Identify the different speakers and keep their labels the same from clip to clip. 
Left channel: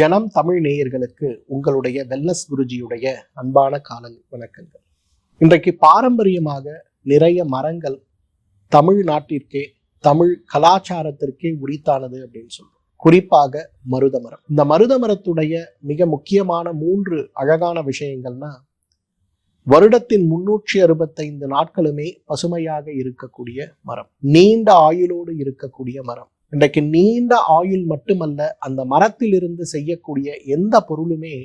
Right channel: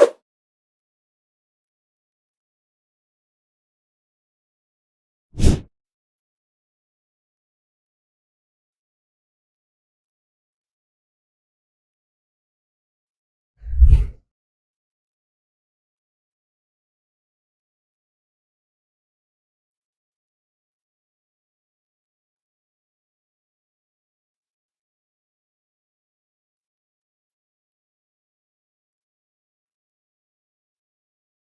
Speaker 1: ஜனம் தமிழ் நேயர்களுக்கு உங்களுடைய வெல்லஸ் குருஜியுடைய அன்பான கால வணக்கங்கள். இன்றைக்கு பாரம்பரியமாக நிறைய மரங்கள் தமிழ் நாட்டிற்கே தமிழ் கலாச்சாரத்திற்கே உரித்தானது அப்படின்னு சொல்றோம். குறிப்பாக மருத மரம் இந்த மருத மரத்துடைய மிக முக்கியமான மூன்று அழகான விஷயங்கள்னா வருடத்தின் முன்னூற்றி அறுபத்தைந்து நாட்களுமே பசுமையாக இருக்கக்கூடிய மரம். நீண்ட ஆயுளோடு இருக்கக்கூடிய மரம். இன்றைக்கு நீண்ட ஆயுள் மட்டுமல்ல அந்த மரத்திலிருந்து செய்யக்கூடிய எந்த பொருளுமே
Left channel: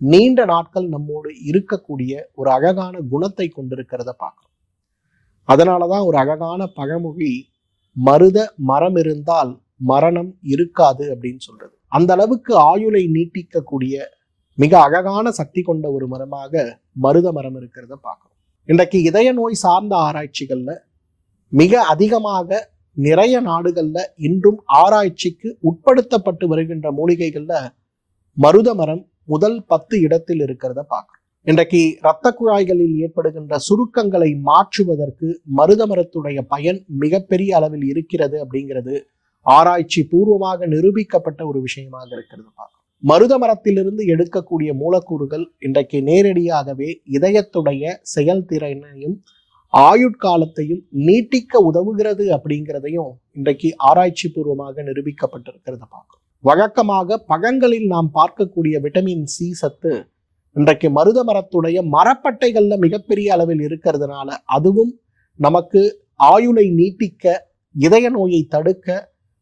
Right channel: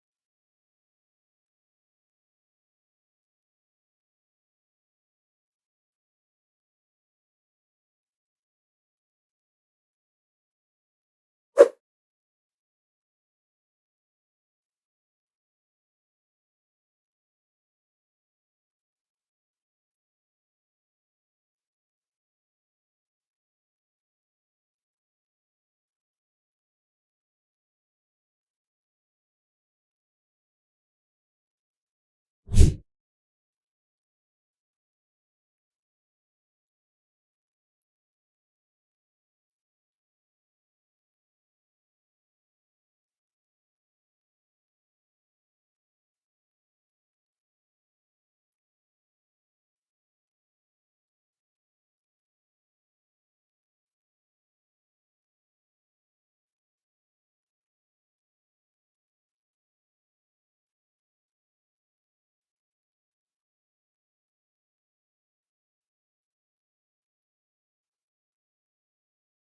Speaker 1: நீண்ட நாட்கள் நம்மோடு இருக்கக்கூடிய ஒரு அழகான குணத்தை கொண்டிருக்கிறத பார்க்கிறோம். அதனாலதான் ஒரு அழகான பழமொழி மருத மரம் இருந்தால் மரணம் இருக்காது அப்படின்னு சொல்லுவோம். அந்த அளவுக்கு ஆயுளை நீட்டிக்கக்கூடிய மிக அழகான சக்தி கொண்ட ஒரு மரமாக மருத மரம் இருக்கிறத பார்க்கணும் இன்றைக்கு இதய நோய் சார்ந்த ஆராய்ச்சிகள்ல மிக அதிகமாக நிறைய நாடுகள்ல இன்றும் ஆராய்ச்சிக்கு உட்படுத்தப்பட்டு வருகின்ற மூலிகைகள்ல மருத மரம் முதல் பத்து இடத்தில் இருக்கிறத பார்க்குறோம். இன்றைக்கு இரத்த குழாய்களில் ஏற்படுகின்ற சுருக்கங்களை மாற்றுவதற்கு மருத மரத்துடைய பயன் மிகப்பெரிய அளவில் இருக்கிறது அப்படிங்கிறது ஆராய்ச்சி பூர்வமாக நிரூபிக்கப்பட்ட ஒரு விஷயமாக இருக்கிறது பார்க்கிறோம். மருத மரத்திலிருந்து எடுக்கக்கூடிய மூலக்கூறுகள் இன்றைக்கு நேரடியாகவே இதயத்துடைய செயல்திறனையும் ஆயுட்காலத்தையும் நீட்டிக்க உதவுகிறது அப்படிங்கிறதையும் இன்றைக்கு ஆராய்ச்சி பூர்வமாக நிரூபிக்கப்பட்டிருக்கிறத பார்க்கும் வழக்கமாக பழங்களில் நாம் பார்க்கக்கூடிய விட்டமின் சி சத்து இன்றைக்கு மருத மரத்துடைய மரப்பட்டைகளில் மிகப்பெரிய அளவில் இருக்கிறதுனால அதுவும் நமக்கு ஆயுளை நீட்டிக்க இதய நோயை தடுக்க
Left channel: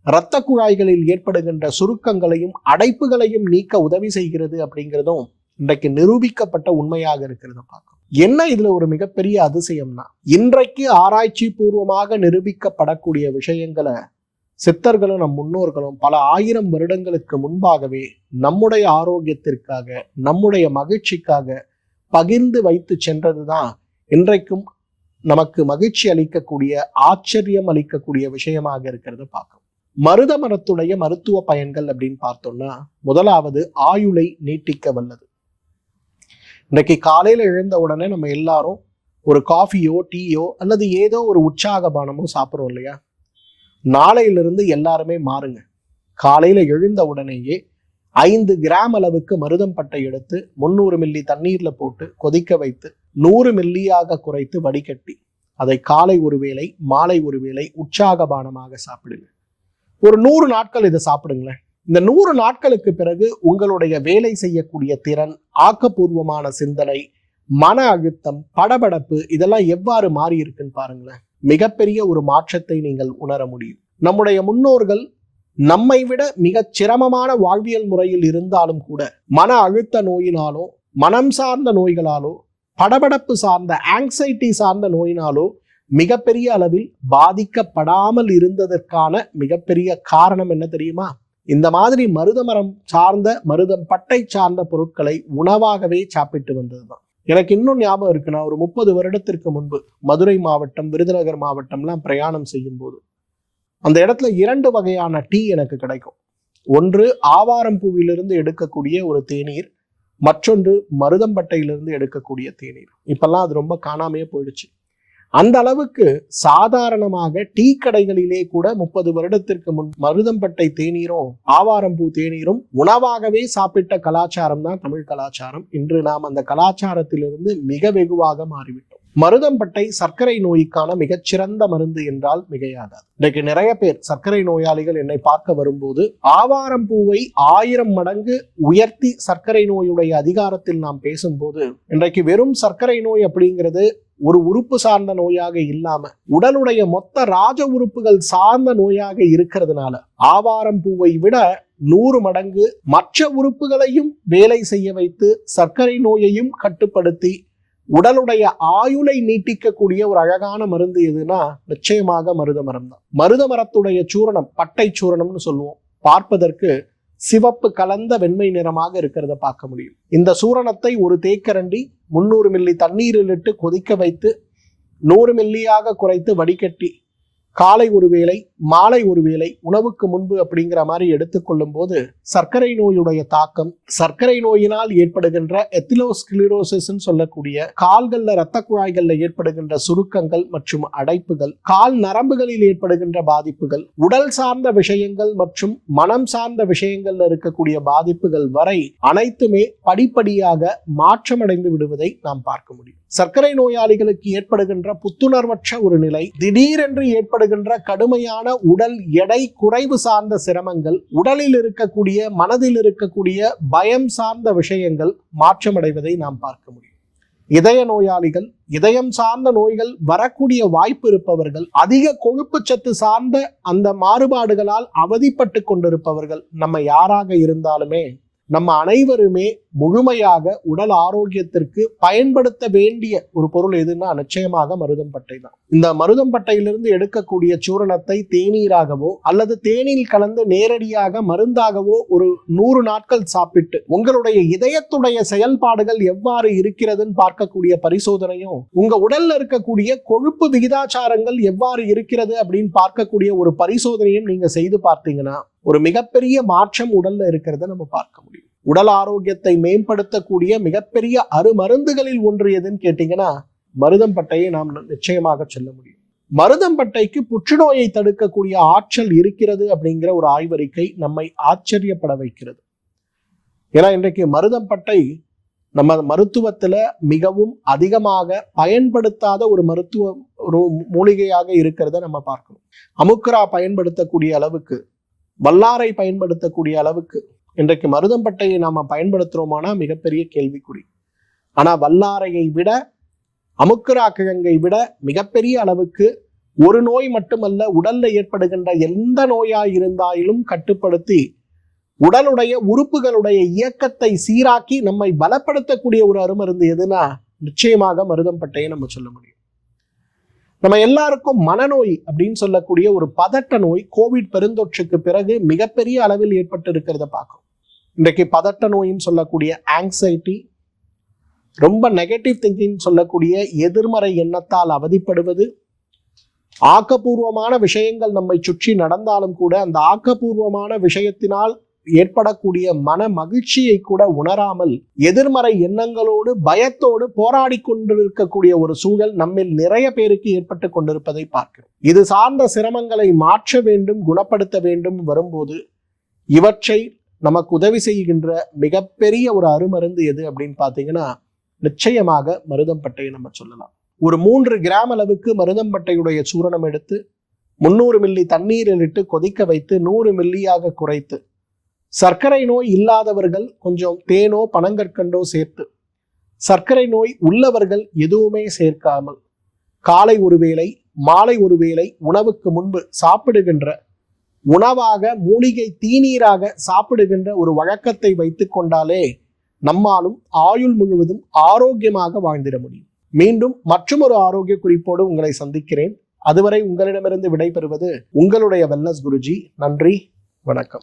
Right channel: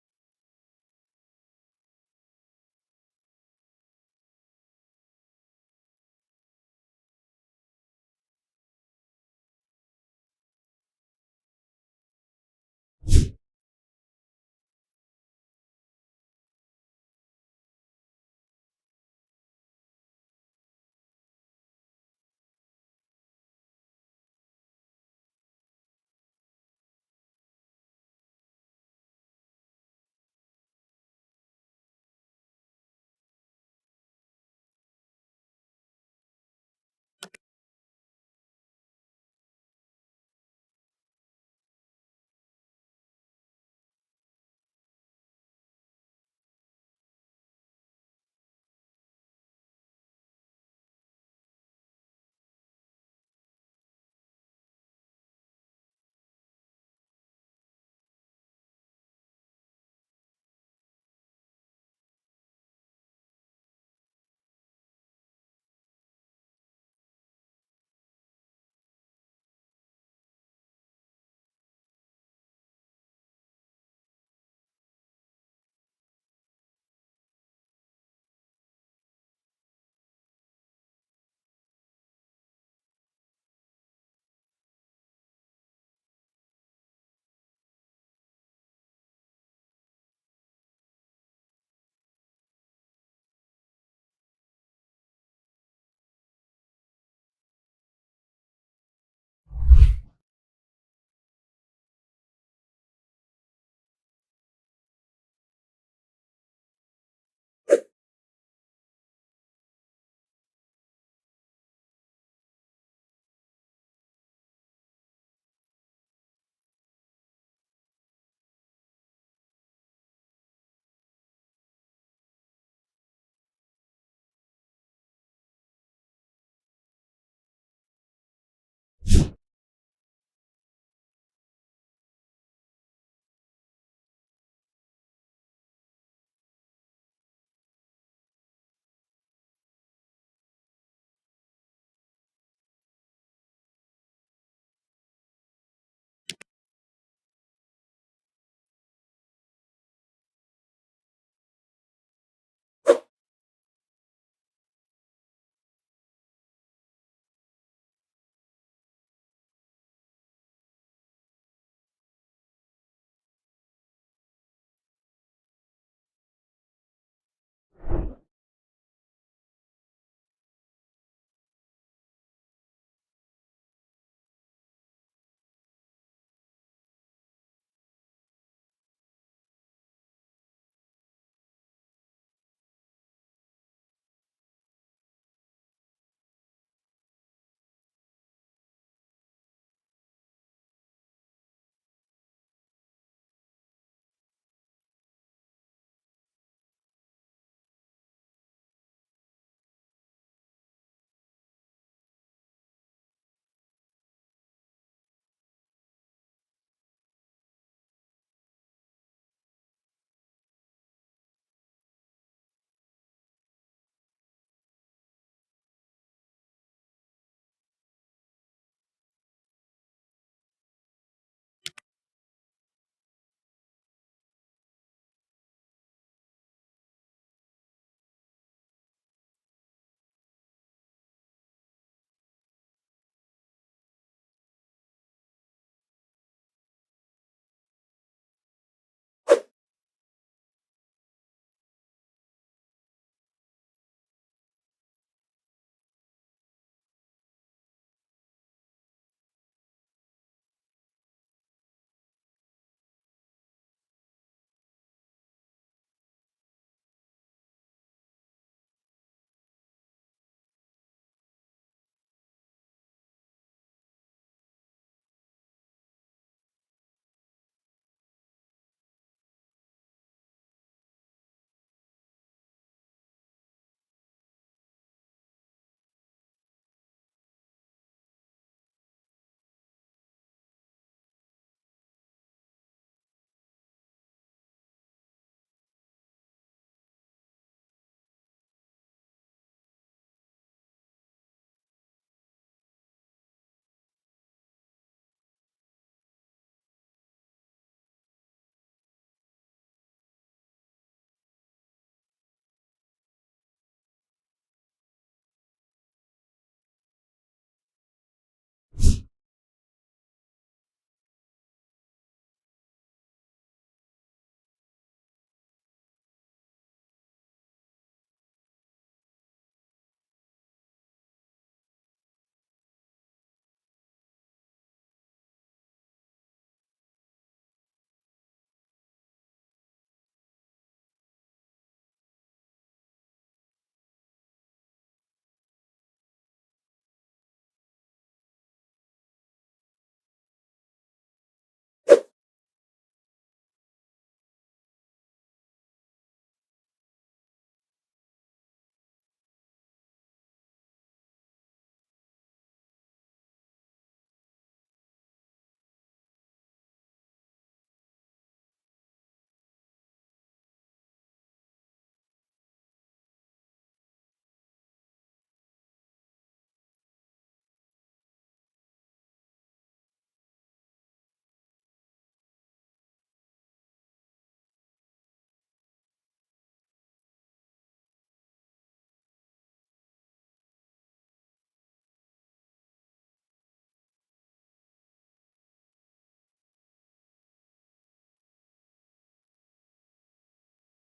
Speaker 1: இரத்த குழாய்களில் ஏற்படுகின்ற சுருக்கங்களையும் அடைப்புகளையும் நீக்க உதவி செய்கிறது அப்படிங்கிறதும் இன்றைக்கு நிரூபிக்கப்பட்ட உண்மையாக இருக்கிறத பார்க்கும் என்ன இதுல ஒரு மிகப்பெரிய அதிசயம்னா இன்றைக்கு ஆராய்ச்சி பூர்வமாக நிரூபிக்கப்படக்கூடிய விஷயங்களை சித்தர்களும் நம் முன்னோர்களும் பல ஆயிரம் வருடங்களுக்கு முன்பாகவே நம்முடைய ஆரோக்கியத்திற்காக நம்முடைய மகிழ்ச்சிக்காக பகிர்ந்து வைத்து சென்றதுதான் இன்றைக்கும் நமக்கு மகிழ்ச்சி அளிக்கக்கூடிய ஆச்சரியம் அளிக்கக்கூடிய விஷயமாக இருக்கிறத பார்க்கும் மருத மரத்துடைய மருத்துவ பயன்கள் அப்படின்னு பார்த்தோம்னா முதலாவது ஆயுளை நீட்டிக்க வல்லது. இன்னைக்கு காலையில் எழுந்த உடனே நம்ம எல்லாரும் ஒரு காஃபியோ டீயோ அல்லது ஏதோ ஒரு உற்சாக பானமோ சாப்பிட்றோம் இல்லையா? நாளையிலிருந்து எல்லாருமே மாறுங்க. காலையில் எழுந்த உடனேயே ஐந்து கிராம் அளவுக்கு மருதம் பட்டை எடுத்து முந்நூறு மில்லி தண்ணீரில் போட்டு கொதிக்க வைத்து நூறு மில்லியாக குறைத்து வடிகட்டி அதை காலை ஒரு வேளை மாலை ஒரு வேளை உற்சாக பானமாக சாப்பிடுங்க. ஒரு நூறு நாட்கள் இதை சாப்பிடுங்களேன். இந்த நூறு நாட்களுக்கு பிறகு உங்களுடைய வேலை செய்யக்கூடிய திறன் ஆக்கப்பூர்வமான சிந்தனை மன அழுத்தம் படபடப்பு இதெல்லாம் எவ்வாறு மாறி இருக்குன்னு பாருங்களேன். மிகப்பெரிய ஒரு மாற்றத்தை நீங்கள் உணர முடியும். நம்முடைய முன்னோர்கள் நம்மை விட மிக சிரமமான வாழ்வியல் முறையில் இருந்தாலும் கூட மன அழுத்த நோயினாலோ மனம் சார்ந்த நோய்களாலோ படபடப்பு சார்ந்த ஆங்ஸைட்டி சார்ந்த நோயினாலோ மிகப்பெரிய அளவில் பாதிக்கப்படாமல் இருந்ததற்கான மிகப்பெரிய காரணம் என்ன தெரியுமா? இந்த மாதிரி மருதமரம் சார்ந்த மருதம் பட்டை சார்ந்த பொருட்களை உணவாகவே சாப்பிட்டு வந்தது தான் எனக்கு இன்னும் ஞாபகம் இருக்கு நான் ஒரு முப்பது வருடத்திற்கு முன்பு மதுரை மாவட்டம் விருதுநகர் மாவட்டம்லாம் பிரயாணம் செய்யும் போது அந்த இடத்துல இரண்டு வகையான டீ எனக்கு கிடைக்கும். ஒன்று ஆவாரம் பூவிலிருந்து எடுக்கக்கூடிய ஒரு தேநீர் மற்றொன்று மருதம்பட்டையிலிருந்து எடுக்கக்கூடிய தேநீர். இப்பெல்லாம் அது ரொம்ப காணாமையே போயிடுச்சு. அந்த அளவுக்கு சாதாரணமாக டீ கடைகளிலே கூட முப்பது வருடத்திற்கு முன் மருதம்பட்டை தேநீரும் ஆவாரம்பூ தேநீரும் உணவாகவே சாப்பிட்ட கலாச்சாரம் தான் தமிழ் கலாச்சாரம். இன்று நாம் அந்த கலாச்சாரத்திலிருந்து மிக வெகுவாக மாறிவிட்டோம். மருதம்பட்டை சர்க்கரை நோய்க்கான மிகச்சிறந்த மருந்து என்றால் மிகையாகாது. இன்றைக்கு நிறைய பேர் சர்க்கரை நோயாளிகள் என்னை பார்க்க வரும்போது ஆவாரம் பூவை ஆயிரம் மடங்கு உயர்த்தி சர்க்கரை நோயுடைய அதிகாரத்தில் நாம் பேசும்போது இன்றைக்கு வெறும் சர்க்கரை நோய் அப்படிங்கிறது ஒரு உறுப்பு சார்ந்த நோயாக இல்லாம உடலுடைய மொத்த ராஜ உறுப்புகள் சார்ந்த நோயாக இருக்கிறதுனால ஆவாரம் பூவை விட நூறு மடங்கு மற்ற உறுப்புகளையும் வேலை செய்ய வைத்து சர்க்கரை நோயையும் கட்டுப்படுத்தி உடலுடைய ஆயுளை நீட்டிக்கக்கூடிய ஒரு அழகான மருந்து எதுனா நிச்சயமாக மருத மரம் தான். மருத மரத்துடைய சூரணம் பட்டை சூரணம்னு சொல்லுவோம். பார்ப்பதற்கு சிவப்பு கலந்த வெண்மை நிறமாக இருக்கிறத பார்க்க முடியும். இந்த சூரணத்தை ஒரு தேக்கரண்டி முந்நூறு மில்லி தண்ணீரில் இட்டு கொதிக்க வைத்து நூறு மில்லியாக குறைத்து வடிகட்டி காலை ஒரு வேளை மாலை ஒருவேளை உணவுக்கு முன்பு அப்படிங்கிற மாதிரி எடுத்துக்கொள்ளும் போது சர்க்கரை நோயுடைய தாக்கம் சர்க்கரை நோயினால் ஏற்படுகின்ற எத்திலோஸ்கிலிரோசிஸ் சொல்லக்கூடிய கால்கள்ல இரத்த குழாய்கள்ல ஏற்படுகின்ற சுருக்கங்கள் மற்றும் அடைப்புகள் கால் நரம்புகளில் ஏற்படுகின்ற பாதிப்புகள் உடல் சார்ந்த விஷயங்கள் மற்றும் மனம் சார்ந்த விஷயங்கள்ல இருக்கக்கூடிய பாதிப்புகள் வரை அனைத்துமே படிப்படியாக மாற்றமடைந்து விடுவதை நாம் பார்க்க முடியும். சர்க்கரை நோயாளிகளுக்கு ஏற்படுகின்ற புத்துணர்வற்ற ஒரு நிலை திடீரென்று ஏற்படுகின்ற கடுமையான உடல் எடை குறைவு சார்ந்த சிரமங்கள் உடலில் இருக்கக்கூடிய மனதில் இருக்கக்கூடிய பயம் சார்ந்த விஷயங்கள் மாற்றமடைவதை நாம் பார்க்க முடியும். இதய நோயாளிகள் இதயம் சார்ந்த நோய்கள் வரக்கூடிய வாய்ப்பு இருப்பவர்கள் அதிக கொழுப்பு சத்து சார்ந்த அந்த மாறுபாடுகளால் அவதிப்பட்டு கொண்டிருப்பவர்கள் நம்ம யாராக இருந்தாலுமே நம்ம அனைவருமே முழுமையாக உடல் ஆரோக்கியத்திற்கு பயன்படுத்த வேண்டிய ஒரு பொருள் எதுன்னா நிச்சயமாக மருதம் பட்டை தான். இந்த மருதம்பட்டையிலிருந்து எடுக்கக்கூடிய சூரணத்தை தேநீராகவோ அல்லது தேநீர் கலந்து நேரடியாக மருந்தாகவோ ஒரு நூறு நாட்கள் சாப்பிட்டு உங்களுடைய இதயத்துடைய செயல்பாடுகள் எவ்வாறு இருக்கிறதுன்னு பார்க்கக்கூடிய பரிசோதனையும் உங்க உடல்ல இருக்கக்கூடிய கொழுப்பு விகிதாச்சாரங்கள் எவ்வாறு இருக்கிறது அப்படின்னு பார்க்கக்கூடிய ஒரு பரிசோதனையும் நீங்க செய்து பார்த்தீங்கன்னா ஒரு மிகப்பெரிய மாற்றம் உடல்ல இருக்கிறத நம்ம பார்க்க முடியும். உடல் ஆரோக்கியத்தை மேம்படுத்தக்கூடிய மிகப்பெரிய அருமருந்துகளில் ஒன்று எதுன்னு கேட்டீங்கன்னா மருதம்பட்டையை நாம் நிச்சயமாக சொல்ல முடியும். மருதம்பட்டைக்கு புற்றுநோயை தடுக்கக்கூடிய ஆற்றல் இருக்கிறது அப்படிங்கிற ஒரு ஆய்வறிக்கை நம்மை ஆச்சரியப்பட வைக்கிறது. ஏன்னா இன்றைக்கு மருதம்பட்டை நம்ம மருத்துவத்துல மிகவும் அதிகமாக பயன்படுத்தாத ஒரு மருத்துவ ஒரு மூலிகையாக இருக்கிறத நம்ம பார்க்கணும். அமுக்ரா பயன்படுத்தக்கூடிய அளவுக்கு வல்லாரை பயன்படுத்தக்கூடிய அளவுக்கு இன்றைக்கு மருதம்பட்டையை நாம பயன்படுத்துறோமானா மிகப்பெரிய கேள்விக்குறி. ஆனா வல்லாரையை விட அமுக்குரா கிழங்கை விட மிகப்பெரிய அளவுக்கு ஒரு நோய் மட்டுமல்ல உடல்ல ஏற்படுகின்ற எந்த நோயா இருந்தாலும் கட்டுப்படுத்தி உடலுடைய உறுப்புகளுடைய இயக்கத்தை சீராக்கி நம்மை பலப்படுத்தக்கூடிய ஒரு அருமருந்து எதுனா நிச்சயமாக மருதம்பட்டையை நம்ம சொல்ல முடியும். நம்ம எல்லாருக்கும் மனநோய் அப்படின்னு சொல்லக்கூடிய ஒரு பதட்ட நோய் கோவிட் பெருந்தொற்றுக்கு பிறகு மிகப்பெரிய அளவில் ஏற்பட்டு இருக்கிறத பார்க்கும் இன்றைக்கு பதட்ட நோயின்னு சொல்லக்கூடிய ஆங்ஸைட்டி ரொம்ப நெகட்டிவ் திங்கிங் சொல்லக்கூடிய எதிர்மறை எண்ணத்தால் அவதிப்படுவது ஆக்கப்பூர்வமான விஷயங்கள் நம்மை சுற்றி நடந்தாலும் கூட அந்த ஆக்கப்பூர்வமான விஷயத்தினால் ஏற்படக்கூடிய மன மகிழ்ச்சியை கூட உணராமல் எதிர்மறை எண்ணங்களோடு பயத்தோடு போராடி கொண்டிருக்கக்கூடிய ஒரு சூழல் நம்மில் நிறைய பேருக்கு ஏற்பட்டு கொண்டிருப்பதை பார்க்கிறோம். இது சார்ந்த சிரமங்களை மாற்ற வேண்டும் குணப்படுத்த வேண்டும் வரும்போது இவற்றை நமக்கு உதவி செய்கின்ற மிகப்பெரிய ஒரு அருமருந்து எது அப்படின்னு பார்த்தீங்கன்னா நிச்சயமாக மருதம்பட்டையை நம்ம சொல்லலாம். ஒரு மூன்று கிராம் அளவுக்கு மருதம்பட்டையுடைய சூரணம் எடுத்து முந்நூறு மில்லி தண்ணீரில் இட்டு கொதிக்க வைத்து நூறு மில்லியாக குறைத்து சர்க்கரை நோய் இல்லாதவர்கள் கொஞ்சம் தேனோ பனங்கற்கண்டோ சேர்த்து சர்க்கரை நோய் உள்ளவர்கள் எதுவுமே சேர்க்காமல் காலை ஒருவேளை மாலை ஒருவேளை உணவுக்கு முன்பு சாப்பிடுகின்ற உணவாக மூலிகை தீநீராக சாப்பிடுகின்ற ஒரு வழக்கத்தை வைத்து கொண்டாலே நம்மாலும் ஆயுள் முழுவதும் ஆரோக்கியமாக வாழ்ந்திட முடியும். மீண்டும் மற்றொரு ஆரோக்கிய குறிப்போடு உங்களை சந்திக்கிறேன். அதுவரை உங்களிடமிருந்து விடைபெறுவது உங்களுடைய வெல்லஸ் குருஜி. நன்றி வணக்கம்.